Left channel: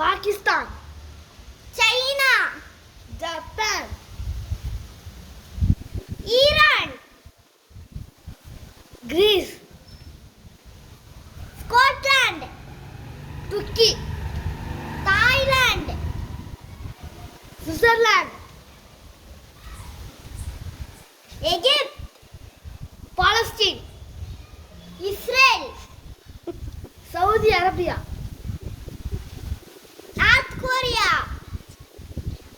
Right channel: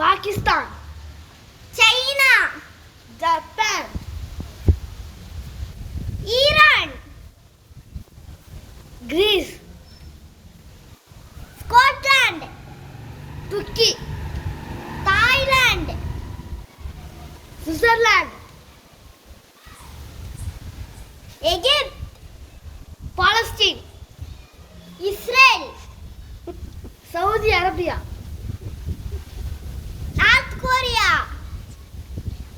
Pakistan, China, Japan, Iran, Greece, Scotland, துருக்கி, Thailand, Switzerland, எகிப்து, Palestine, Israel, Saudi Arabia, North Korea,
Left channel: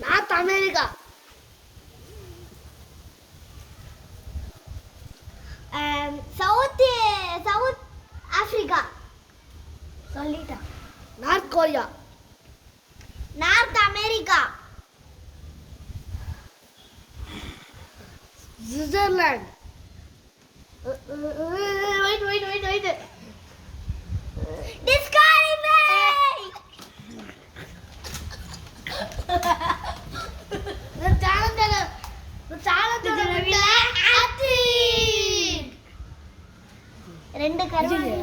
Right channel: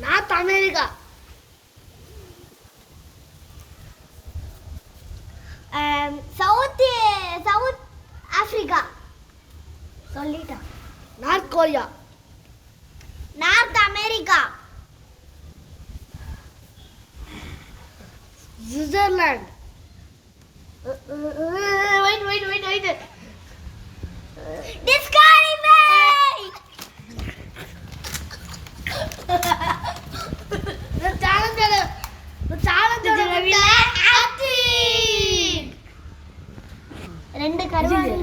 North America, South Africa, சொல்லிட்டேன். North Korea, North America, Switzerland, wait. Challenge ரெண்டு கருவாடு